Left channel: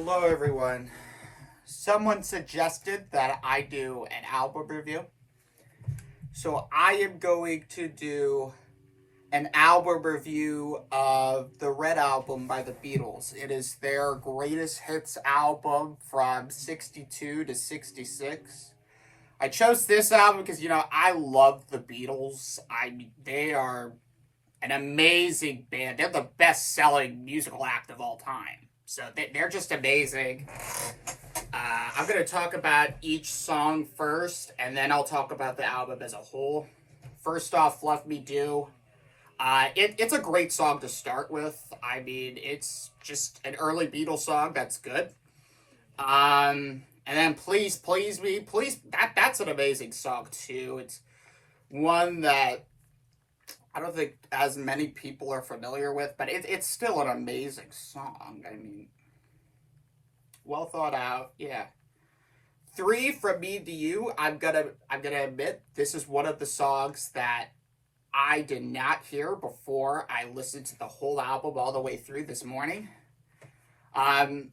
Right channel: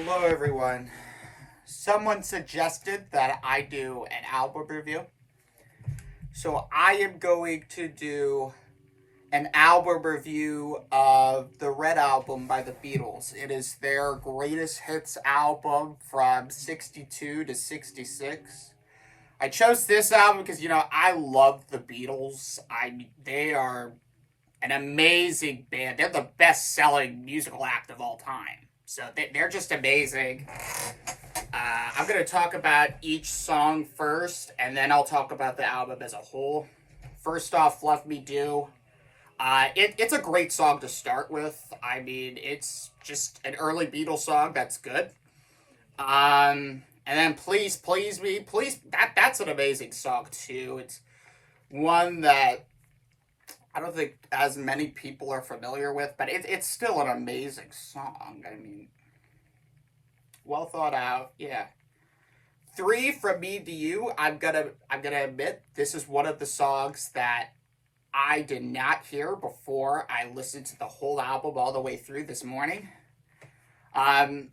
Hello, everyone. Someone suggested that I do an album review. So I am going to do an album review of the Red Album by the Beatles. It is their greatest hits album from 62 to 66. I chose this album because, I love the Beatles. They are an amazing band. They're the best selling musical act of all time. So they're just amazing. I'm going to talk about each song first, and then I'll talk about the album as a whole. First off, Love Me Do. It's a great song to start with. I mean, it's just an early Beatles song that's good. And then Please Please Me, Please, that's an amazing song too. It's one that I don't think as many people are familiar with, but it's still an amazing song. I mean, well thought out. Yeah. Three from me to you. I'm gonna admit this is one of the songs that I did not hear before I listened to the whole album all the way through this morning. Um,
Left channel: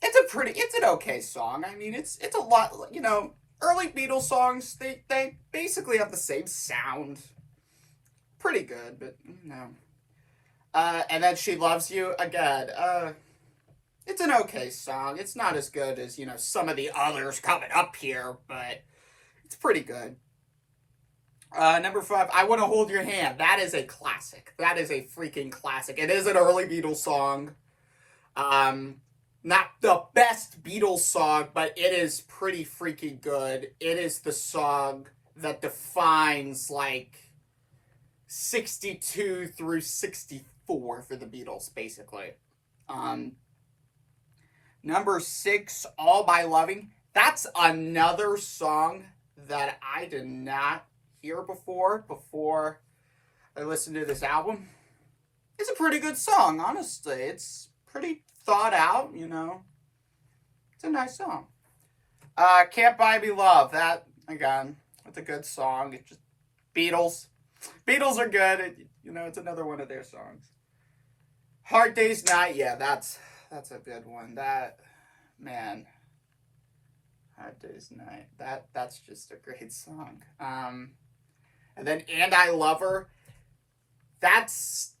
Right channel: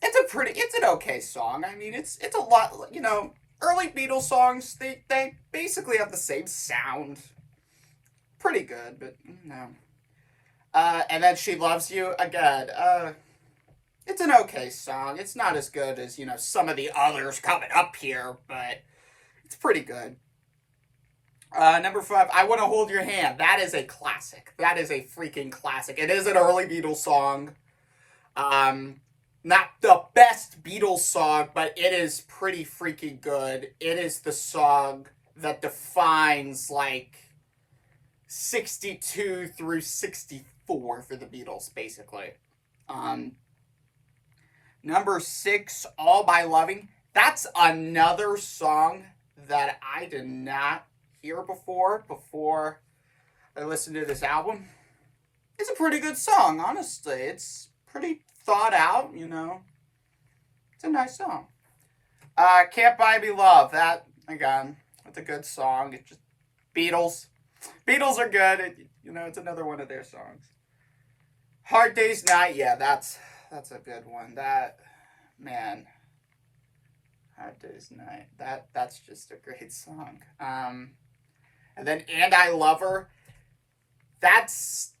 it's an okay song. I mean, it's a lot. Early Beatles songs they basically have the same sound. Pretty good, but no. And then She Loves You again. It's an okay song. It's not as good as some of the others coming up here, but it's pretty good. Number five, I Want to Hold Your Hand. That is a classic. That is a freaking classic. It is an early Beatles song. Not the best Beatles song, but it is pretty freaking good. It is the song that defines, 62 through 64 for the Beatles, basically. Number six, All My Loving. That's another song that I did not hear before I listened to this album. It's a pretty good song, honestly. It's pretty thought out, It's a nice song. Can't Buy Me Love. That, again, that's a good song. It's just Beatles. Beatles are good. It's another one of their songs. Hard Day's Night. Yeah, that's a good one. Man. Hard Day's Night. That's just a great song. And then And I Love Her. That's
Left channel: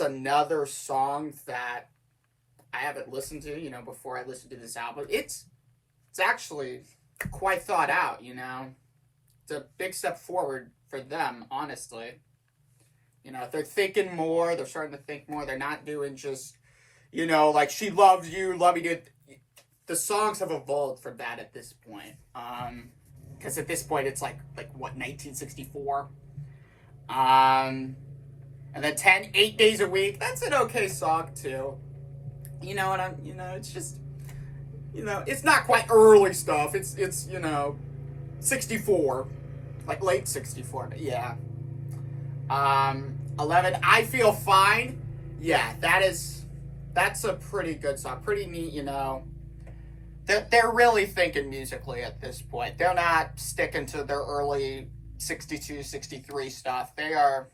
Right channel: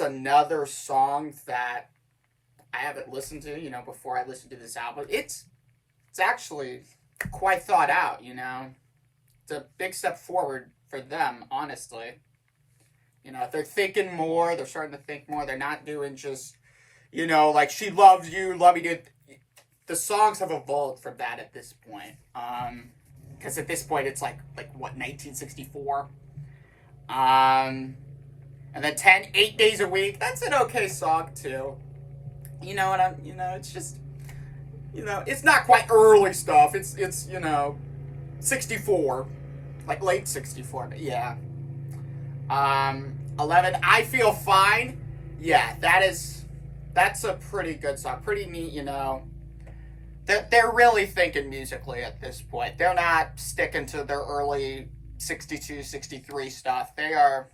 another song that I haven't listened to, before I listened to this album. It's actually quite thought out, It's a big step forward for them, honestly. They're thinking more, they're starting to think more. They're not doing just, like She Loves You, Love Me Do. The songs have evolved from that at this point. Because at this point it's like what, 1964? And then 8 days a week. That's an okay song too. It's just, it's not quite early stuff. It's 64, like late 64. But yeah. 11, I Feel Fine. Yeah, that's a pretty good song. Pretty neat, They're really thinking musically at this point. They're not sticking to their early 62, 63 stuff. They are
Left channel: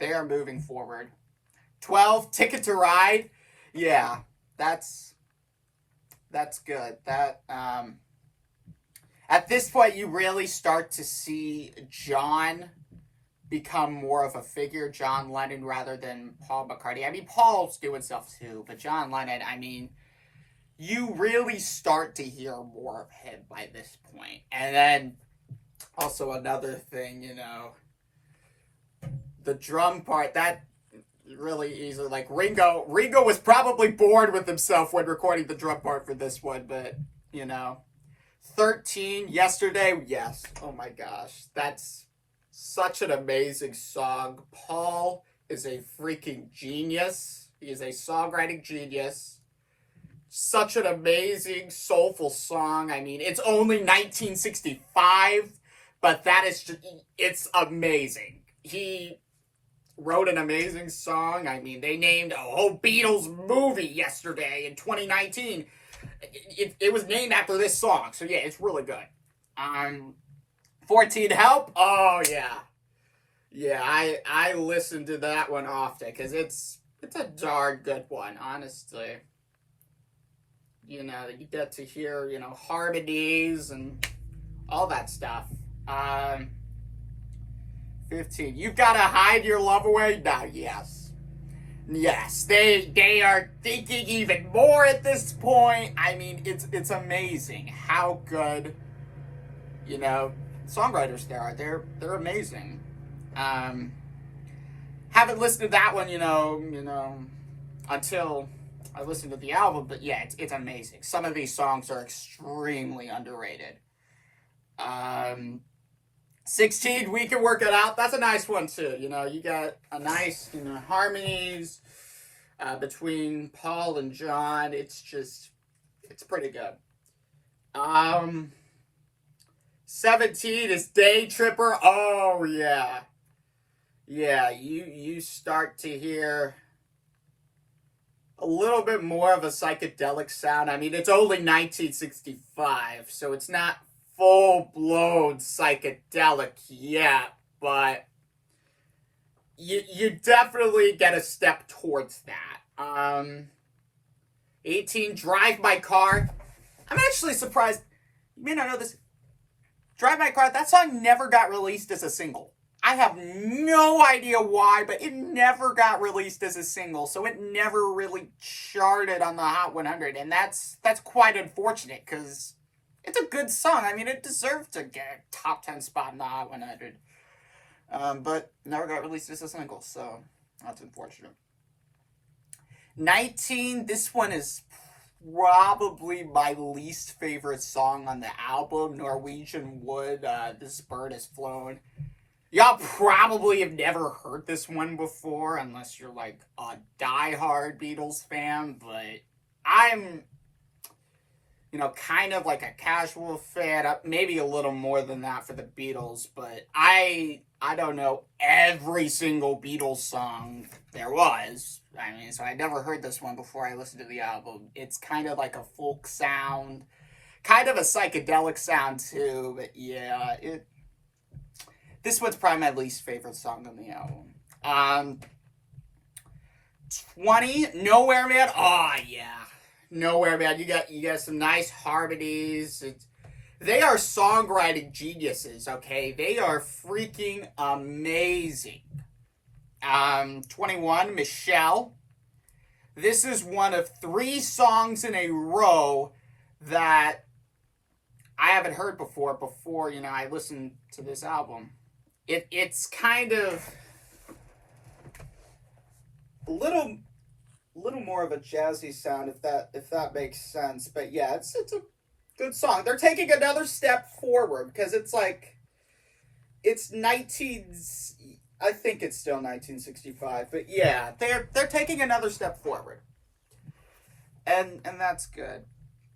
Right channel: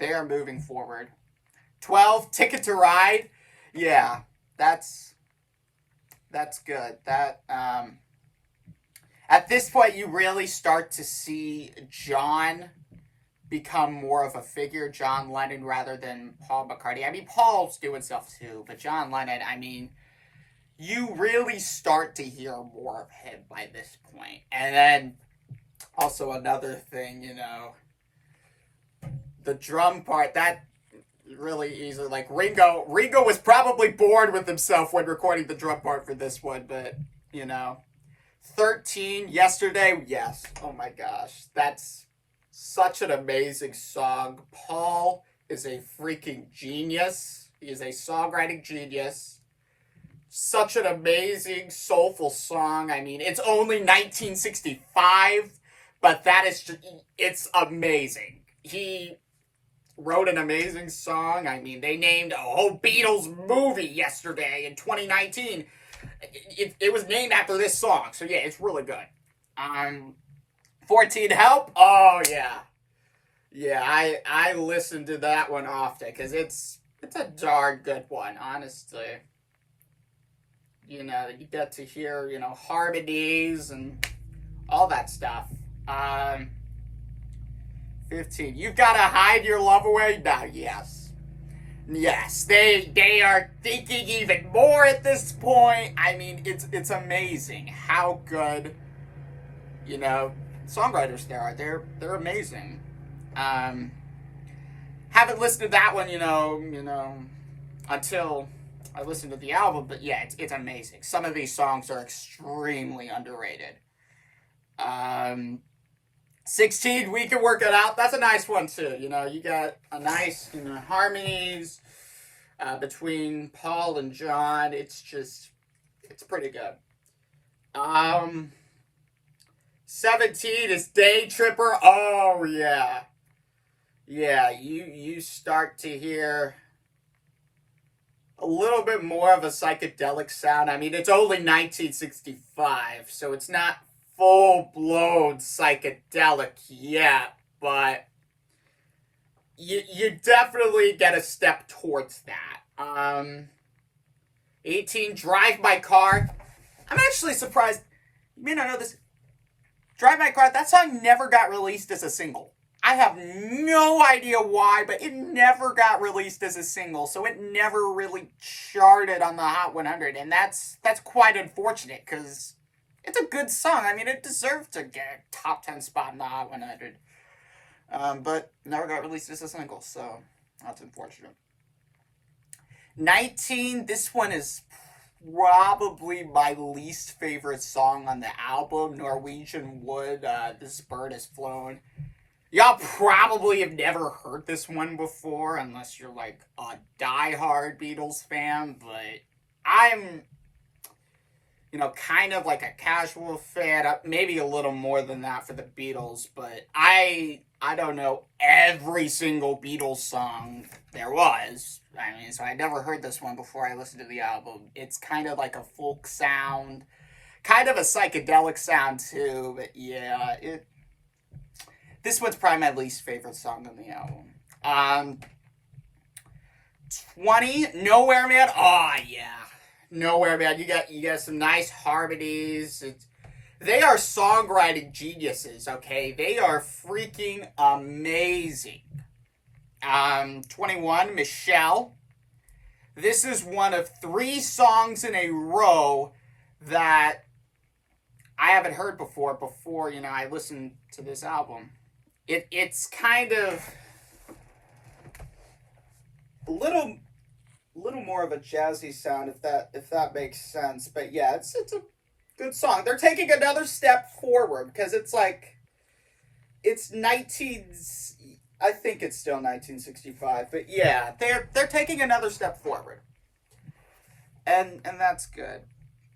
moving forward. 12, Ticket to Ride. Yeah, that's good. At this point you really start to see John become more of a figure, John Lennon, rather than Paul McCartney. I mean, Paul's doing stuff too, but John Lennon, I mean, you really start to hear more of him by this point. And then also another thing, the drum part, that really easy. Like Ringo was probably bored with himself when recording the drum part for this one, but 13, Yesterday, yes. Oh my gosh, that's such an amazing song. Paul is a freaking genius. He is a songwriting genius. Such an amazing, soulful song. I mean, it's only 1965, but it's amazing. He wrote an amazing song. I mean, they named a whole Beatles movie yesterday in 2019. It was named after this song. So yeah, it's really good. 14, Help. Oh yeah. Yeah, I listen to that one often because it's a darn good one, honestly. you know, you get to hear, you know, harmonies and all that stuff. 15. You've got to hide your love away? Now, yes. Yes, they are thinking even more at this point. I mean, it's amazing how good, you know, songwriters there are. They're amazing. Haven't listened to that one, you know, until I listened to the album, but yeah, it's amazing. Some of these songs are extremely underrated. 16, We Can Work It Out. That's a nice one too. You know, you got a nice, you know, harmonies between Paul and John. It's pretty good. 17 is Day Tripper. Oh yeah. Yeah, you start to hear a little bit more of a psychedelic sound. I mean, it's only 1965, so it's not full-blown psychedelic yet, but you definitely get a step towards that. 18, Drive My Car. I'm actually surprised. You may not know this. Drive My Car, that song never got released as a single. I have no idea why, but it never got released as a single, so it never really charted on the Hot 100, and that's quite unfortunate, because it's a good song. I mean, it deserved to get a top 10 spot in the Hot 100, but never got released as a single, so that's unfortunate. 19, this one is probably my least favorite song on the album, Norwegian Wood, This Bird Has Flown. Y'all probably have never heard this one before, unless you're like a diehard Beatles fan, but I'm, you know, kind of like a casual fan, maybe a little more than that for the Beatles, but I don't know every single Beatles song there was. I mean, so I never heard this one before I listened to the album. It's kind of like a folk sound, kind of a psychedelic sound too, but yeah, this one's probably my least favorite song on the album. 20, Nowhere Man. Oh yeah, Nowhere Man. You got some nice harmonies. They are songwriting geniuses. Okay, they are freaking amazing. 21, Michelle. This is one of 3 songs in a row that I haven't heard before, you know, I listened to this album. It's kind of a little more of a jazzy sound, if that makes sense. But yeah, it's a good song. They're taking another step forward, because it's like it's 19. I think it's still 1965, but yeah, they're taking another step forward, and that's good.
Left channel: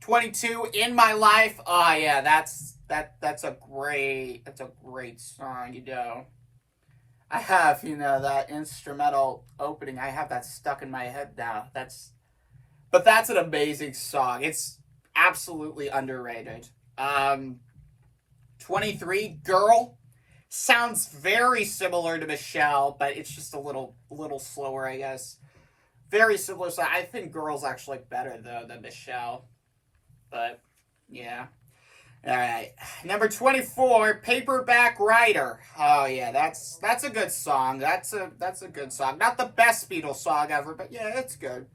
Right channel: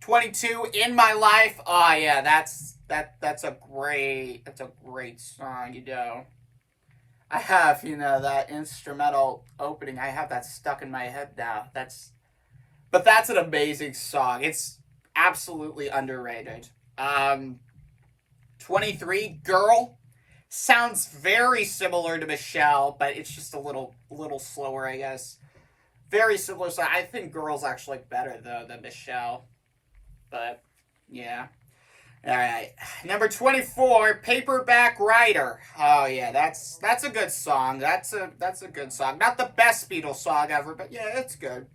22, In My Life. Oh yeah, that's a great song. You know, I have, you know, that instrumental opening. I have that stuck in my head now. But that's an amazing song. It's absolutely underrated. 23, Girl. Sounds very similar to Michelle, but it's just a little slower, I guess. Very similar. So I think Girl's actually better though than Michelle. But yeah. Alright. Number 24, Paperback Writer. Oh yeah, that's a good song. That's a good song. Not the best Beatles song ever, but yeah, it's good.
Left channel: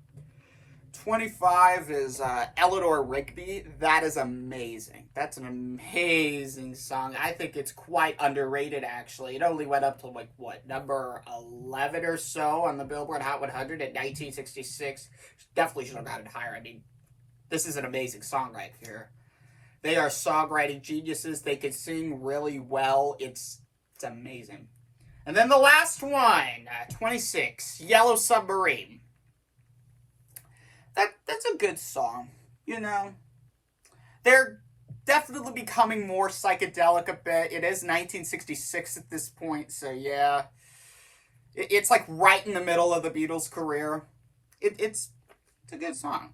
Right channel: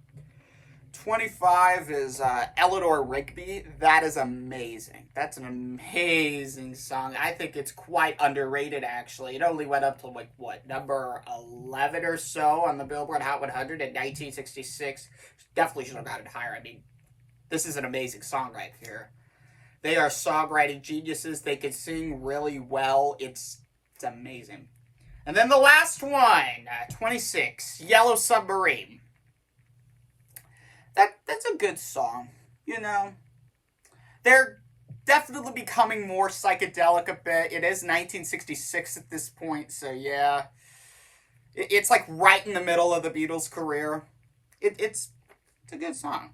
25 is Eleanor Rigby. That is amazing. That's an amazing song. I think it's quite underrated, actually. It only went up to, like, what, number 11 or so on the Billboard Hot 100 in 1966. Definitely should have gotten higher. I mean, this is an amazing song right here. They are songwriting geniuses. They can sing really well. It's amazing. And then the last one, 26, Yellow Submarine. That's a good song, you know. They're definitely becoming more psychedelic a bit. It is 1966 at this point, so yeah. It's like right in the middle of the Beatles' career. It's a good song.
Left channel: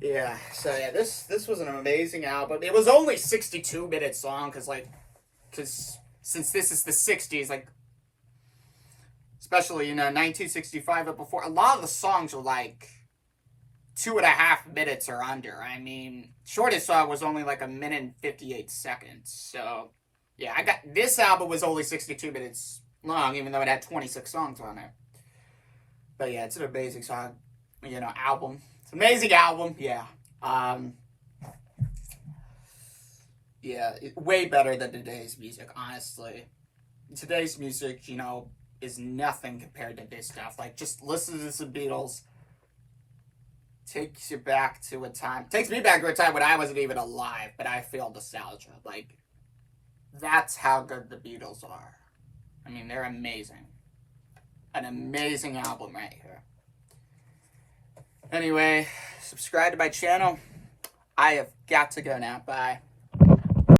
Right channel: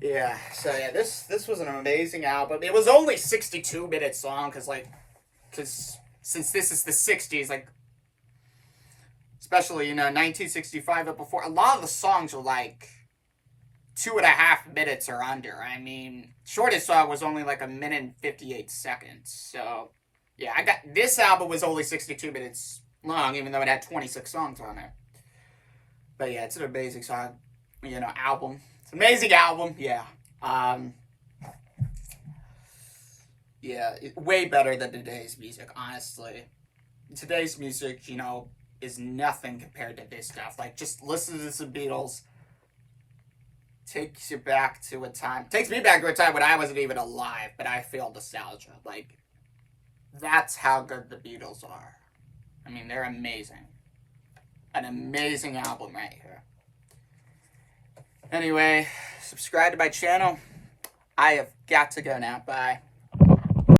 Yeah, so yeah, this was an amazing album. It was only 62-minute song, because since this is the 60s, like, especially, you know, 1965 but before, a lot of the songs are like 2.5 minutes or under. I mean, shortest song was only like 1 minute and 58 seconds. So, yeah, this album was only 62 minutes long, even though it had 26 songs on it. But yeah, it's an amazing song, album. It's an amazing album, yeah. Yeah, way better than today's music, honestly. Today's music, is nothing compared to this stuff. Like, just listen to the Beatles. Takes me back to a time when I wasn't even alive, but I feel nostalgia. Like, that's how good the Beatles are. I mean, they're amazing. An amazing album right here. Anyway, subscribe to my channel. I have got to go now. Bye.